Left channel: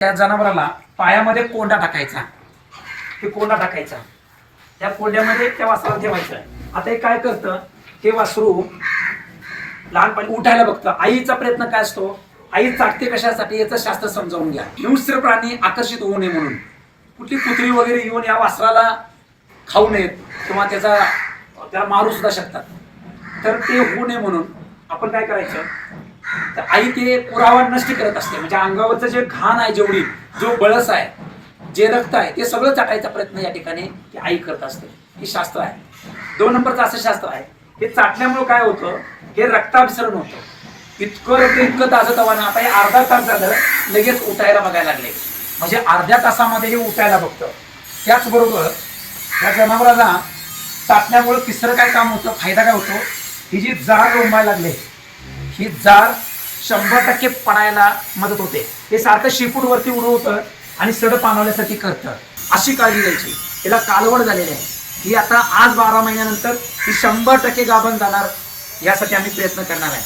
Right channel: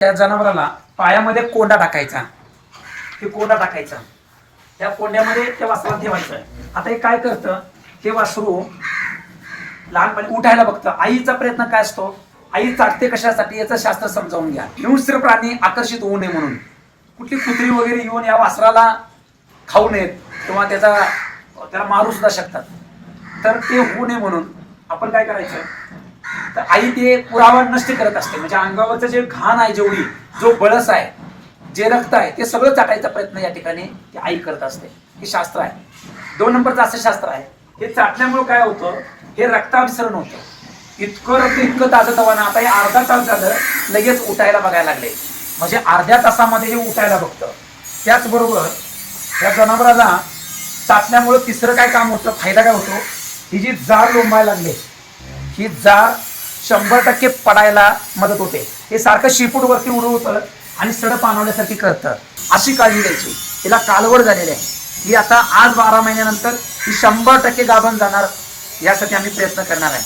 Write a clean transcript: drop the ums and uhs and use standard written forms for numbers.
त्या जनावराला पायामध्ये कोंडा टाकायचा, ते कोंडा टाकायचा, त्या कोंड्यामध्ये त्या वासराला ठेवायचं. आता हे काय करतं, हे वासरू लहानपणी उठायला बघतं. आईचा प्रयत्न काय असतो, आई चाटते कशासाठी याचं शास्त्र समजावून घ्या. हिंस्र प्राणी आकर्षित होऊ नये म्हणून, कुठली कुत्री वगैरे येऊन या वासराला खाऊ नयेत किंवा त्याला मारू सुद्धा शकतात. तर ते होऊ नये म्हणून आपण काय करायचं, तर आई ते पुरावा नष्ट करत असते. म्हणजे अंगावरचं जे घाण आहे, जेवढी जो बळस आहे, जे रक्त आहे, ते सगळं चाटायचा प्रयत्न या ठिकाणी आई करत असते. ही शास्त्र आहे. 2 नंबरचं असं शास्त्र आहे, हे चाटल्यामुळे काय होतं, हे रक्ताभिसरण होतं. इतकं रक्त इतकं ताजं तवानं. आता हे अर्धा तास झालं लगेच उठायला बघायला लागले. म्हणजे अर्ध्या तासामध्ये हे उठायला बघतं. त्याचबरोबर या जनावराला चाटल्यामुळे तिसरं काय काम होतं, फायदा काय होतो, ही जी जाळ लोंबायला लागले, ही जाळ 100% पडायला मदत होते. हे सारखं शिपूट वरती उडवतं आणि सड पाणवण्यासाठी करतं. अशी काळजी घ्यायची. हिला कालवड झालेली आहे, ही आता आज 12 महिन्यानंतर ही 100% गाभण जाणार, यासाठी आम्ही प्रयत्न करणार आहे.